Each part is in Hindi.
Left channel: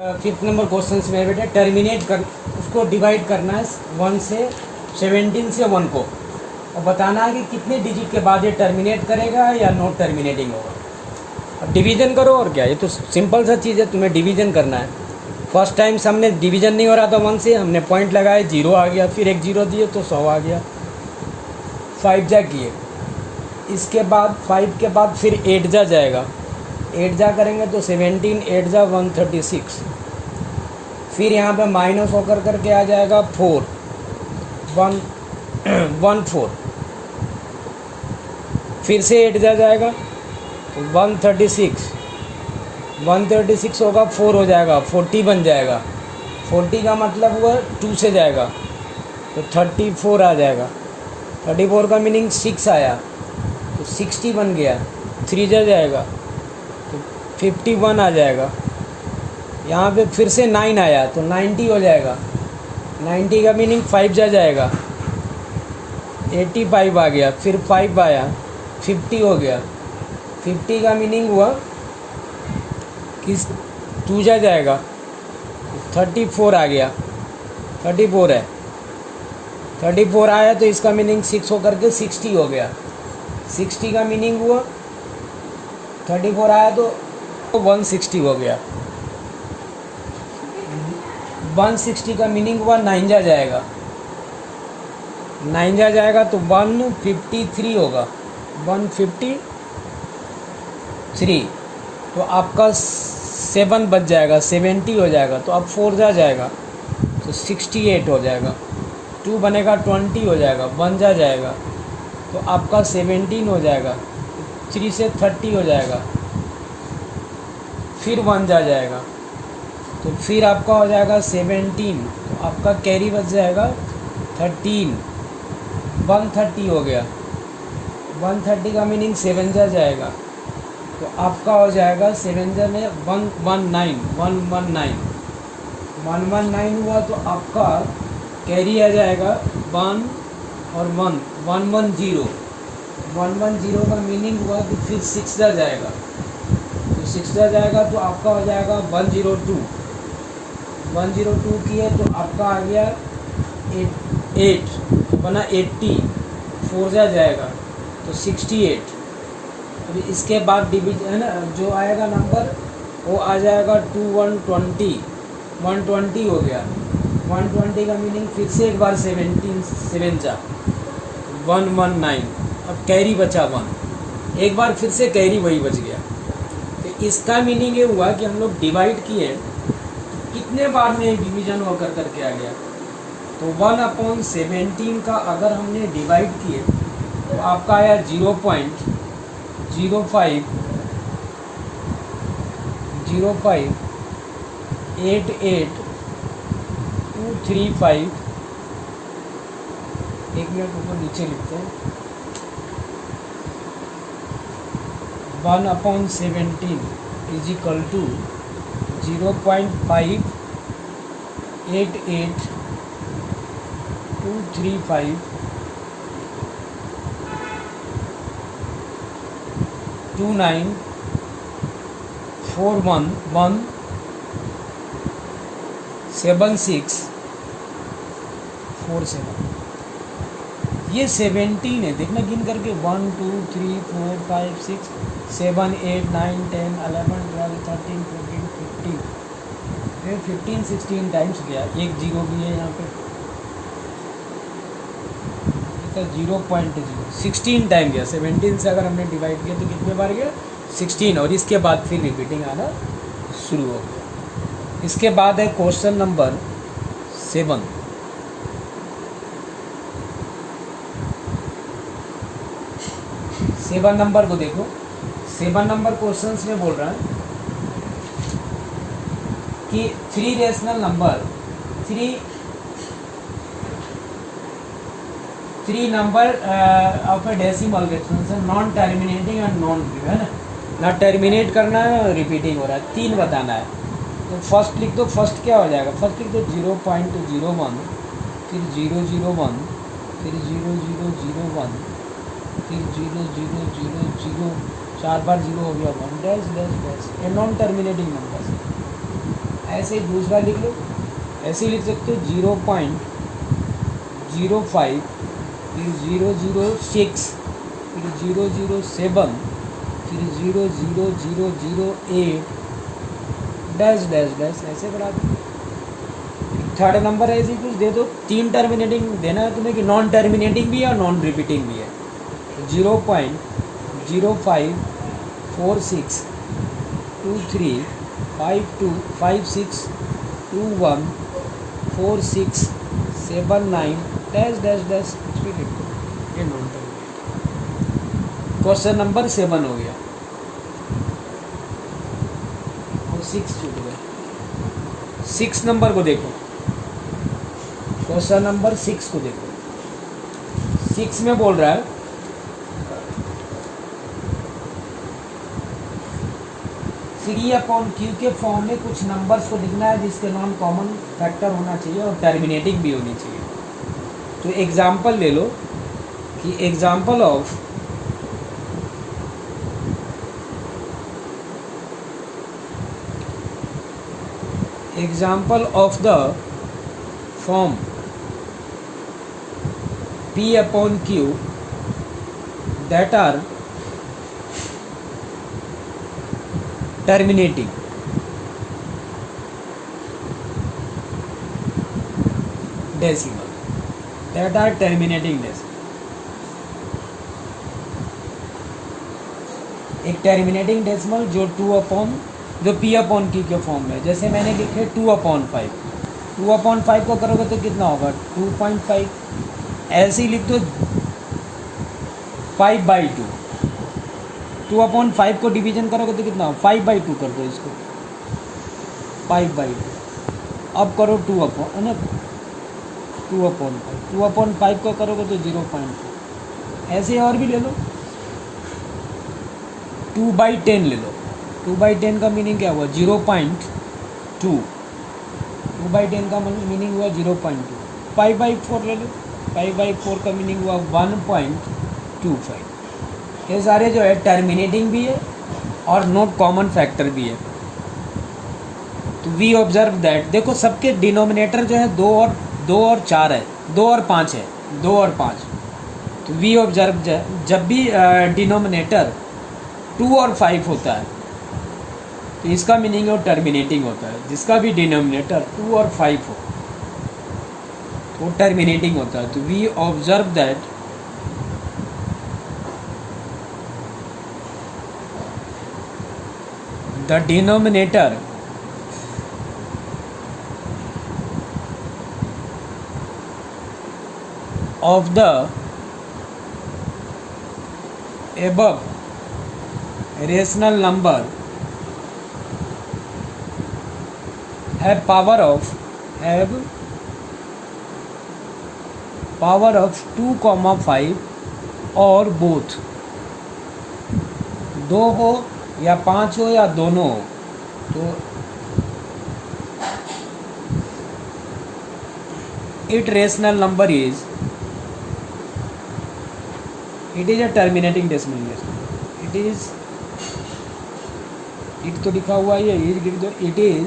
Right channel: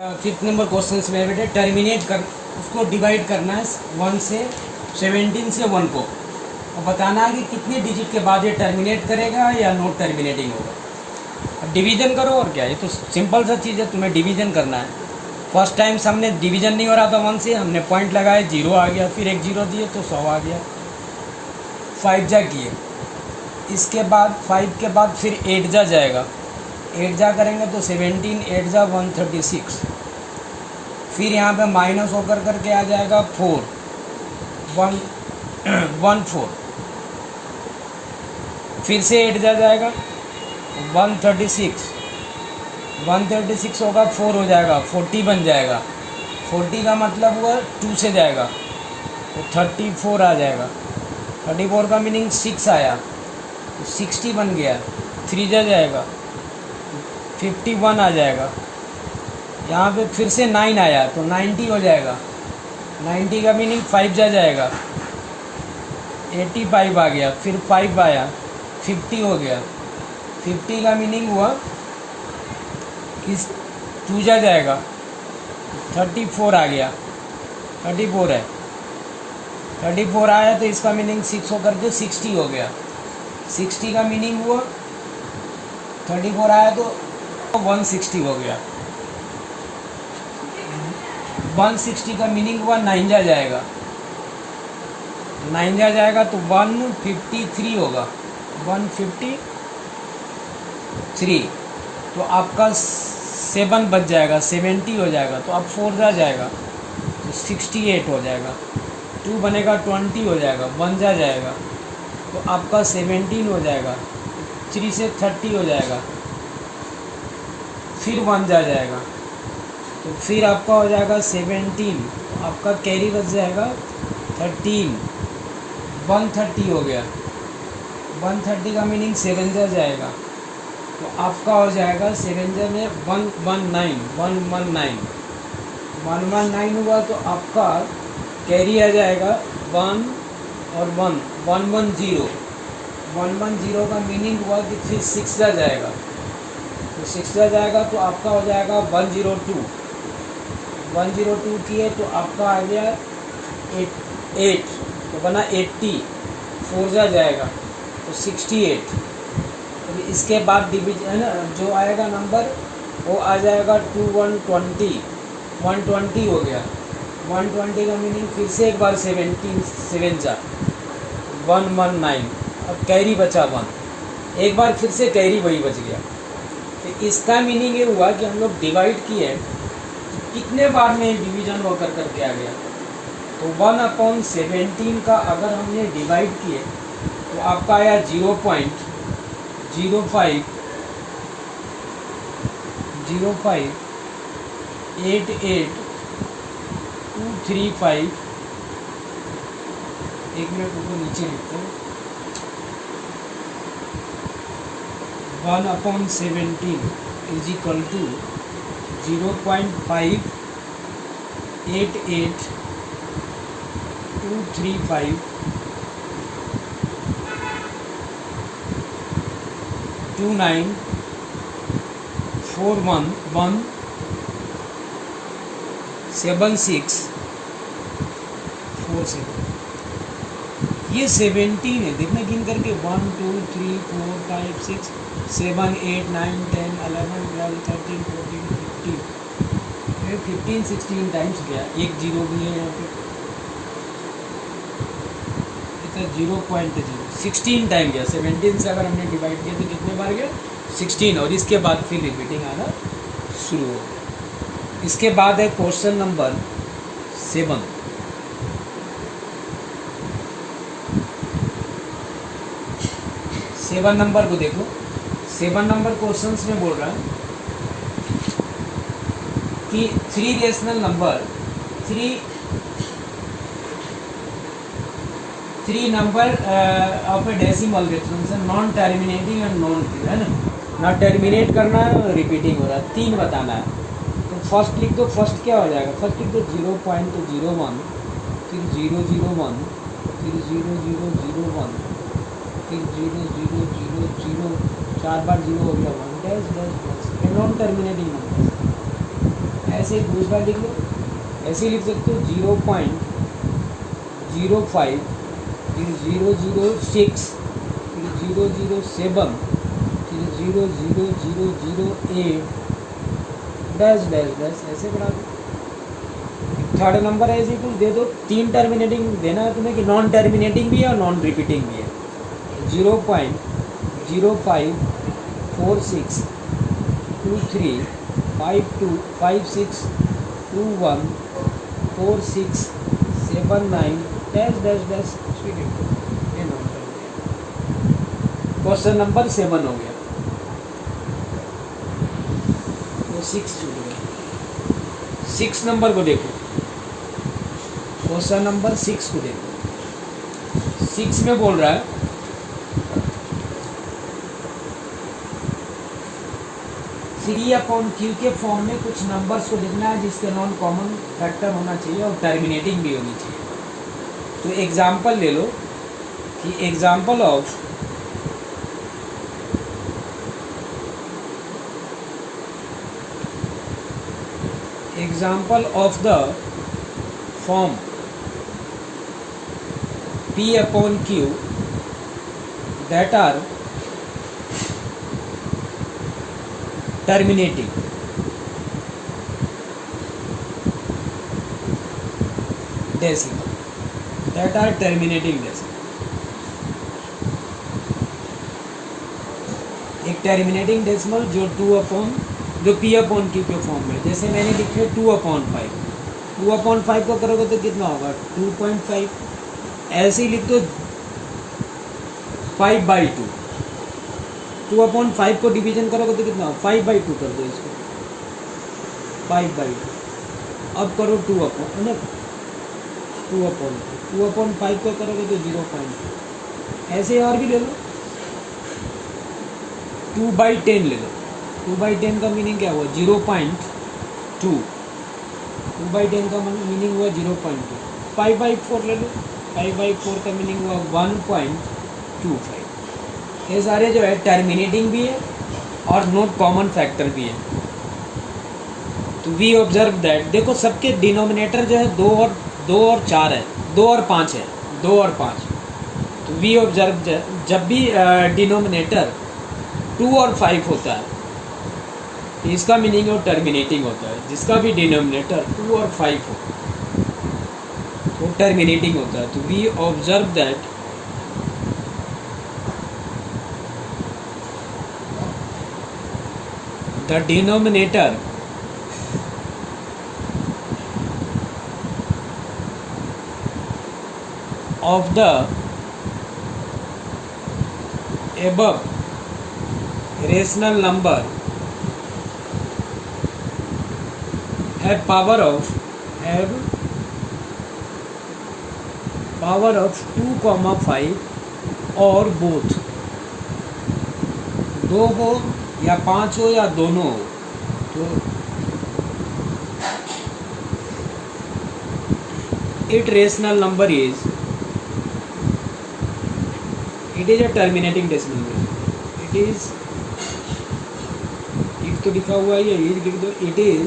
फिफ्थ नंबर क्वेश्चन में बेटा टर्मिनेट कर उसको डिवाइड करना है 1 से 17 से 1 को और बताना है कि कितने डिजिट के बाद ये टर्मिनेट करेगा या नॉट टर्मिनेटिंग होगा। अब डिवीजन करो और क्या, ये तो सिंपल सा चीज़ है, तुम्हें डिवीजन करना है। फर्स्ट टाइम हमने डिवीजन नहीं हो रहा था 1 से, हमने पॉइंट लगाए 0 आ गया, फिर एक 0 दिए तो 100 आ गया, 5 जा किए। इसके बाद 5 के बाद फिर 8 जा जाएगा, 8 जा करेंगे तो 17, 8 जा 136, फिर यहाँ पे माइनस होकर करके आ जाएगा 4, 114, फिर से 8 जा जाएगा 136, 136 होगा 4 हो जाएगा 40 बन जाएगा, 40 का मतलब हुआ 2 से जाएगा तो 34 आ जाएगा, 34 का मीनिंग 6 आया तो 60 बन गया, 3 जा जाएगा तो 51 आ जाएगा। यहाँ पे फिर से 9 आया तो 90 हो जाएगा, 90 का मीनिंग 5 जा जाएगा, 85 आ गया, फिर 5 आया 50 हो गया, 50 का मीनिंग हुआ कि 2 जा जाएगा 34 आ गया, 34 है, 34 आया तो इसका मीनिंग 6 होकर के 60 हो गया, 60 का मीनिंग हुआ 34 आया तो 160 हो गया, 160 का मीनिंग हुआ 9 जा जाएगा, 9 जा जाएगा तो 153 होगा, 153 तो आपका 7 बच जाएगा, 70 हो जाएगा तो अब 4 जा जाएगा तो 68 हो जाएगा, 2 बनेगा 20 हो जाएगा, 1 जा जाएगा तो आपका 17 हो जाएगा, 3 से 30 हो जाएगा, फिर 1 जा जाएगा तो फिर आपका हो जाएगा 17, तो आपका कैरी बच जाएगा 13, 130 हो गया, 130 का मीनिंग 7 जा जाएगा तो आपका हो जाएगा 7 जा में 119, 119 हुआ तो आपका कैरी आ जाएगा 1 और 1, 110, 110 का मीनिंग हुआ कि फिर 6 जा जाएगा तो 6 जा जाएगा तो आपका हो जाएगा 102, 102 किए तो आपका आ गया 8 तो बना 80, 4 जा जाएगा तो 68। अब इसके बाद डिवीजन है ना, जो आएगा नंबर वो आ जाएगा 120, 120 हो गया, 120 का मीनिंग फिर से एक बार 7 जा 119, अब कैरी बचा 1, एक बार फिर से कैरी वही बच गया। तो इसका मीनिंग ये हुआ कि हम लोग डिवाइड किए कितने बार में डिवीजन होकर करके आ गया, तो 1/17 का अगर हमने डिवाइड किए तो आपका आया 0.05 88235, एक मिनट को नीचे लिखते हैं, 1/17 इज इक्वल टू 0.588 29417647। ये 17 है, देखना गिन करके 1 2 3 4 5 6 7 8 9 10 11 12 13 14 15 16 टाइम्स गया, एक 0 भी है यहाँ पे, 0.0 16 टाइम गया, 17 से अगर हमने डिवाइड किया तो कितने बार गया 16, और इसके बाद फिर रिपीटिंग आना शुरू हो गया। इसके बाद है क्वेश्चन नंबर 7, नंबर को देखो, 7 नंबर क्वेश्चंस में बोल रहा है कि 3 rational number 3 number of A decimal reference non terminating and non repeat, है ना टर्मिनेट करना है और रिपीटिंग हो रहा है, 3 बताना है। तो फर्स्ट लिख दो, फर्स्ट क्या हो जाएगा, फर्स्ट लिख दो 0.01, फिर 001, फिर 0001, फिर 0000, 4 बार 0 हो गया, 1 dash dash dash, non terminating number. ऐसे ही दूसरा लिख लो, ऐसे ही लिख सकते हो 0.05, फिर 006, फिर 007, फिर 00008 डैश डैश डैश ऐसे बढ़ा दो। थर्ड नंबर ऐसे ही कुछ दे दो, 3 टर्मिनेटिंग देना है तुम्हें कि नॉन टर्मिनेटिंग भी है और नॉन रिपीटिंग भी है। 0.05462256214679 डैश डैश डैश कुछ भी लिख दो, ये नॉन टर्मिनेटिंग। क्वेश्चन नंबर 7 हो गया, तो 6 छूट गया। 6 नंबर को देखो, क्वेश्चन नंबर 6 को देखो। 6 में बोल रहा है 3/q के फॉर्म में कुछ नंबर्स को लिखना है जिसके नॉन कॉमन फैक्टर होना चाहिए और टर्मिनेटिंग भी होनी चाहिए। तो एग्जाम्पल ले लो कि example of the form P/Q that are terminating. Decimal that are terminating decimal. एक टर्मिनेटिंग डेसिमल जो P/Q के फॉर्म में, जैसे मैंने लिखे 2/5, 2/5 को करोगे तो कितना होगा 2.5। ऐसे ही लिख दो 5/2, 2/5 को डिवीजन करोगे तो कितना 5/2 कर दो इसको, 5/2। अब करो 2/5 को करोगे तो 0.5। ऐसे और भी ले लो, 2/10 ले लो, 2/10 का मीनिंग क्या हुआ 0.2, 2/10 का मीनिंग हुआ 0.2। 5/4 ले लो, 5/4 का मीनिंग हुआ 1.25। ये सारे जो है टर्मिनेटिंग भी है और नॉट कॉमन फैक्टर भी है। तो वी ऑब्जर्व दैट, देखो सबके डिनोमिनेटर जो है 2 और 4 है, 2 और 5 है, 2 और 5। तो वी ऑब्जर्व जब भी डिनोमिनेटर 2 और 5 होता है तो इसका मीनिंग वो टर्मिनेटिंग होता है। जिसका भी डिनोमिनेटर 2 और 5 हो तो टर्मिनेटिंग होता है। तो we observe that the denominator of the above rational number have power of 2,5 और both, 2 हो या 5 हो या दोनों हो, तो it rational number is, it is a terminating decimal number. it तो लिखा हुआ है, it is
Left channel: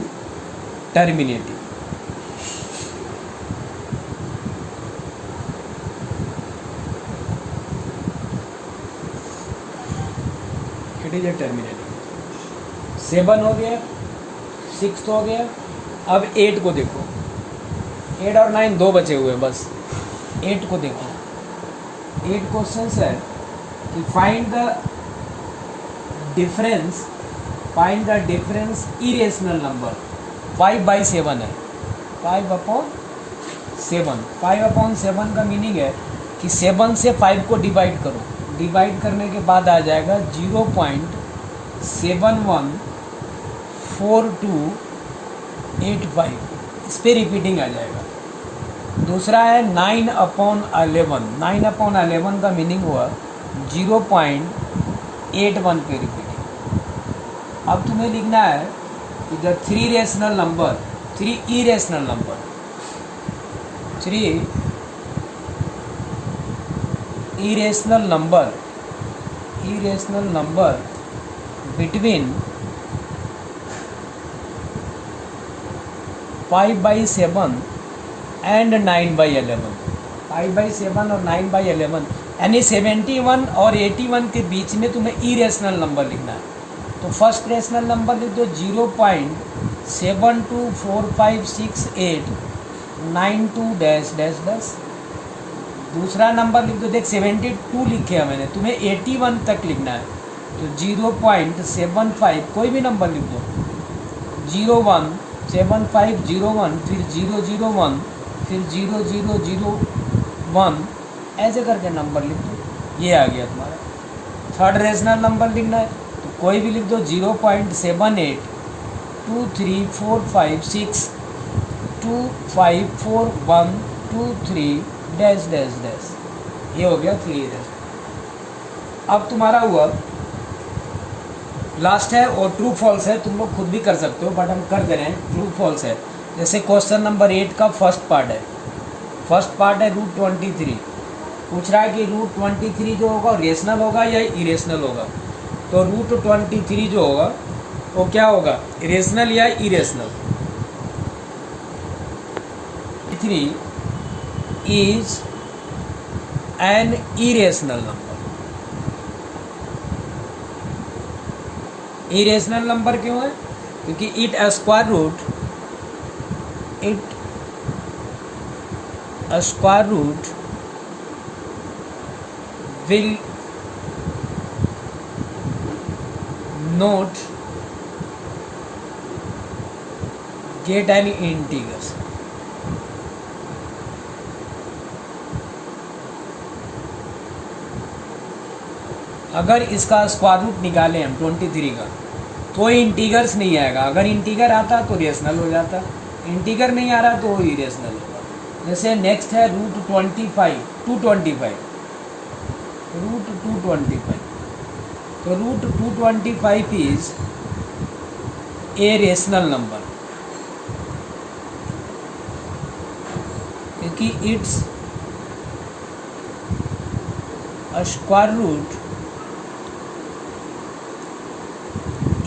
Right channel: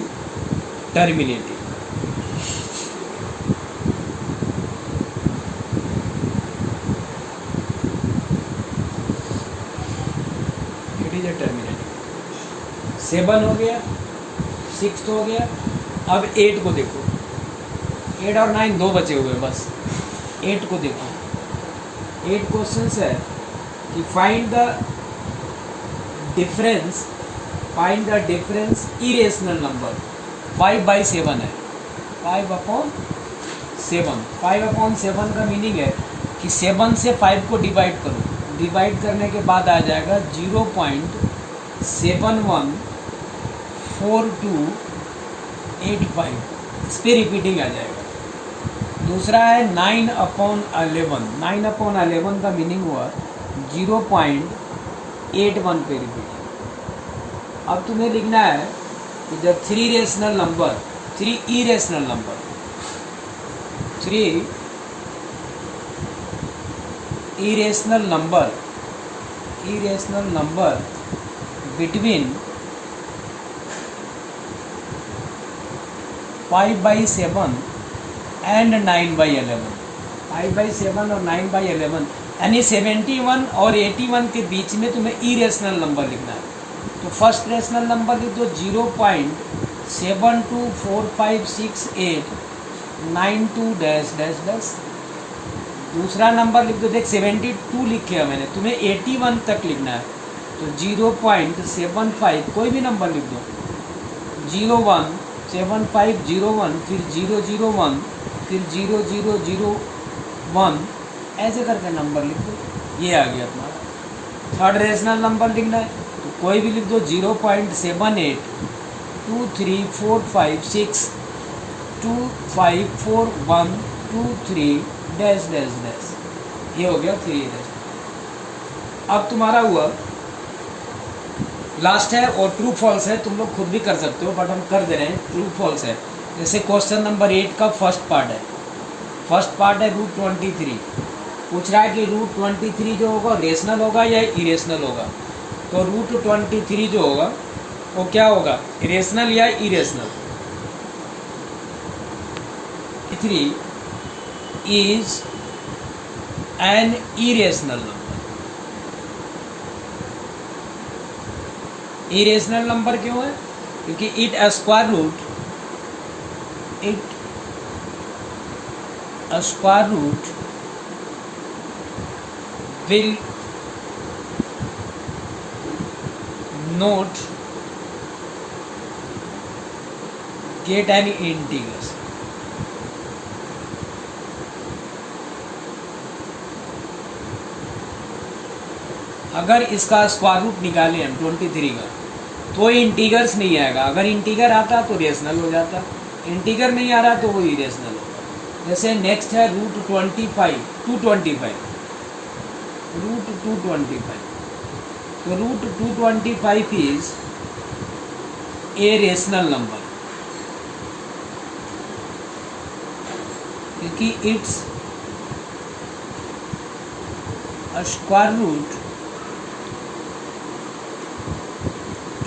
terminating। it is a terminating। 7 हो गया, 6 हो गया। अब 8 को देखो, 8 और 9 2 बचे हुए बस। 8 को देखो, 8 क्वेश्चंस है कि find the difference irrational number. 5/7 है, 5/7 का मीनिंग है कि 7 से 5 को डिवाइड करो, डिवाइड करने के बाद आ जाएगा 0.714285, इस पर रिपीटिंग आ जाएगा। दूसरा है 9/11, 9/11 का मीनिंग हुआ 0.81 पे रिपीटिंग। अब तुम्हें लिखना है कि जब 3 इरेशनल नंबर बिटवीन 5/7 एंड 9/11, 5/7 और 9/11, यानी 71 और 81 के बीच में तुम्हें इरेशनल नंबर लिखना है। तो फर्स्ट रेशनल नंबर लिख दो 0.72456892 दूसरा नंबर लिख दो, देख 72 लिखे हैं मैंने, तुम्हें 81 तक लिखना है। तो 0.75 कोई भी नंबर लिख दो, 017501, फिर 001, फिर 0001, ऐसे करके नंबर लिख दो। ये आ गया तुम्हारा। थर्ड रेशनल नंबर लिखना है तो कोई भी लिख दो 0.78234562541123 ये हो गया 3 रेशनल। अब तुम्हारा हुआ लास्ट है और ट्रू फॉल्स है, तुम लोग खुद भी कर सकते हो बट हम कर दे रहे हैं। ट्रू फॉल्स है, जैसे क्वेश्चन नंबर 8 का फर्स्ट पार्ट है √23, पूछ रहा है कि √23 जो होगा रेशनल होगा या इरेशनल होगा। तो √23 जो होगा वो क्या होगा, रेशनल या irrational. 3 is an irrational number. Irrational number क्यों है, क्योंकि it square root will not get any integers। अगर इसका स्क्वायर रूट निकालें हम 23 का तो इंटीगर्स नहीं आएगा। अगर इंटीगर आता तो रेशनल हो जाता, इंटीगर नहीं आ रहा तो वो इरेशनल होगा। जैसे नेक्स्ट है √225, तो √225 इज ए रेशनल नंबर क्योंकि its square root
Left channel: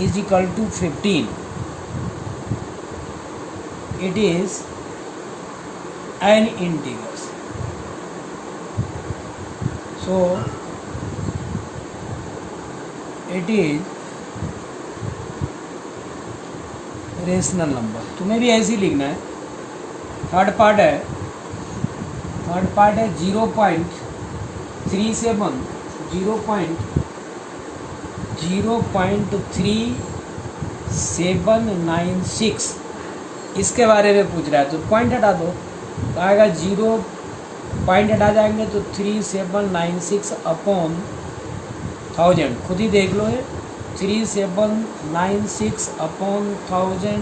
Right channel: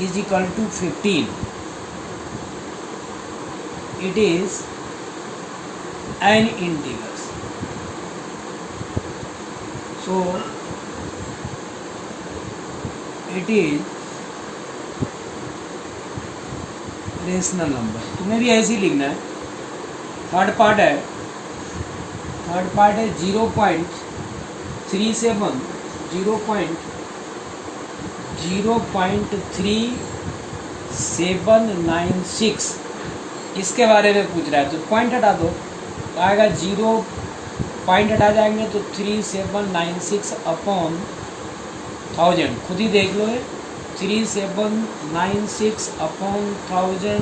is equal to 15. It is an integer. So it is rational number. तुम्हें भी ऐसे ही लिखना है। थर्ड पार्ट है 0.3796 इसके बारे में पूछ रहा है। तो पॉइंट हटा दो, तो आएगा 0 पॉइंट हटा जाएंगे तो 3796 अपॉन 1000। खुद ही देख लो, 3796 upon 1000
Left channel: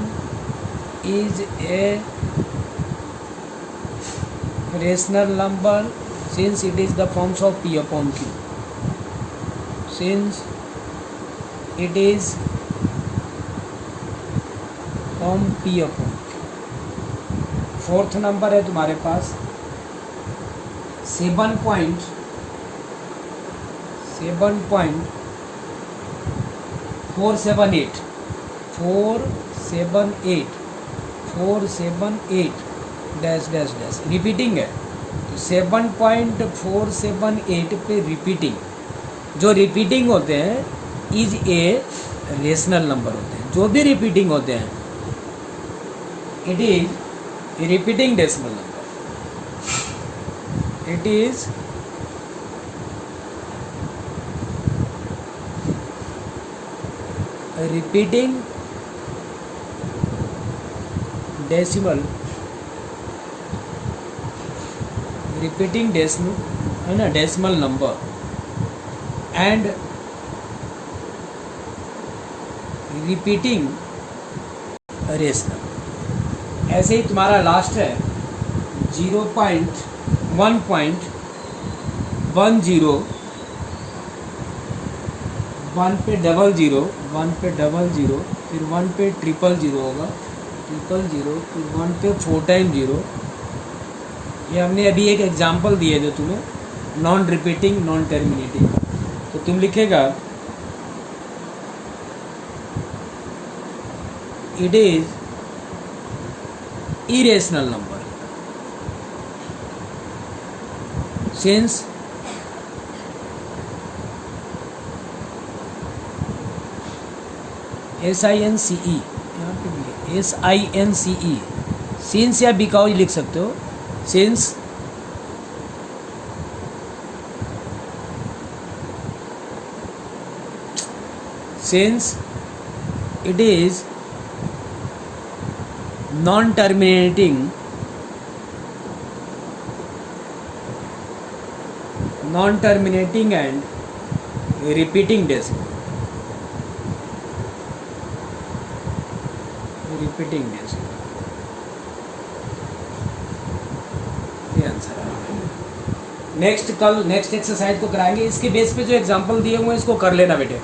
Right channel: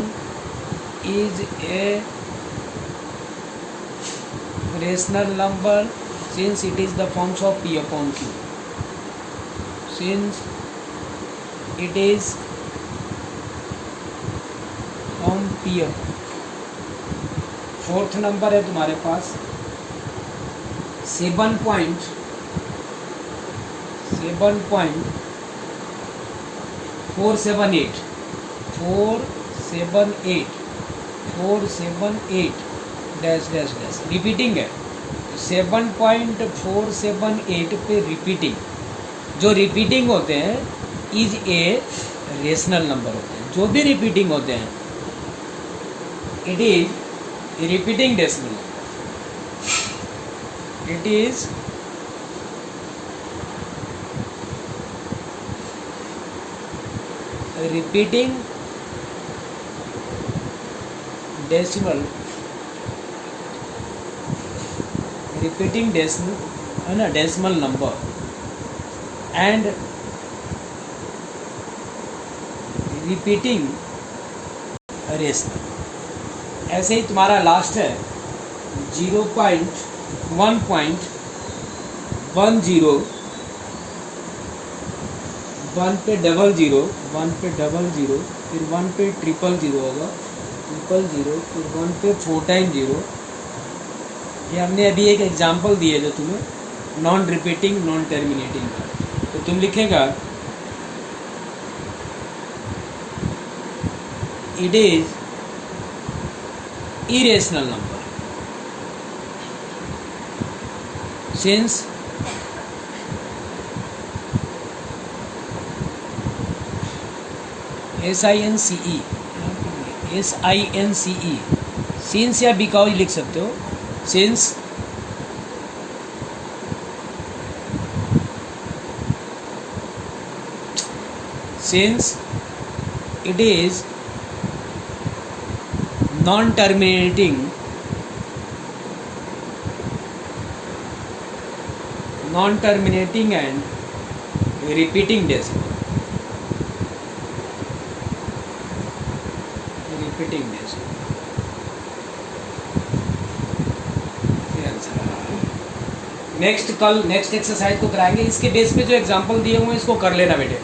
is a rational number since it is the forms of P upon Q। Since it is from P upon। Fourth number है तुम्हारे पास 478 डैश डैश डैश रिपीटिंग है। 7.478 पे रिपीटिंग, जो रिपीटिंग होते हैं इज ए रेशनल नंबर होते हैं। जो भी रिपीटिंग होते हैं it is repeating decimal number. It is repeating decimal है ना, decimal number and repeating rational. ऐसे ही तुम्हारा लास्ट है 0.1.10 1 पे 00 1 पे 00 फिर 1 पे 000 होगा 000 फिर 1 पे 4 टाइम 0। ये हमने अभी एक एग्जांपल दिए जो तुम्हें नॉन रिपीटिंग नॉन टर्मिनेटिंग। तो तुम लिखेगा it is irrational number. Since SINCE, SINCE, since या because लिख सकते हो. Since it is non-terminating and repeating decimal. Next exercise तो कराएंगे. इसके बेस पे जो एग्जांपल दिए हुए हैं इसको कर लेना बेटे.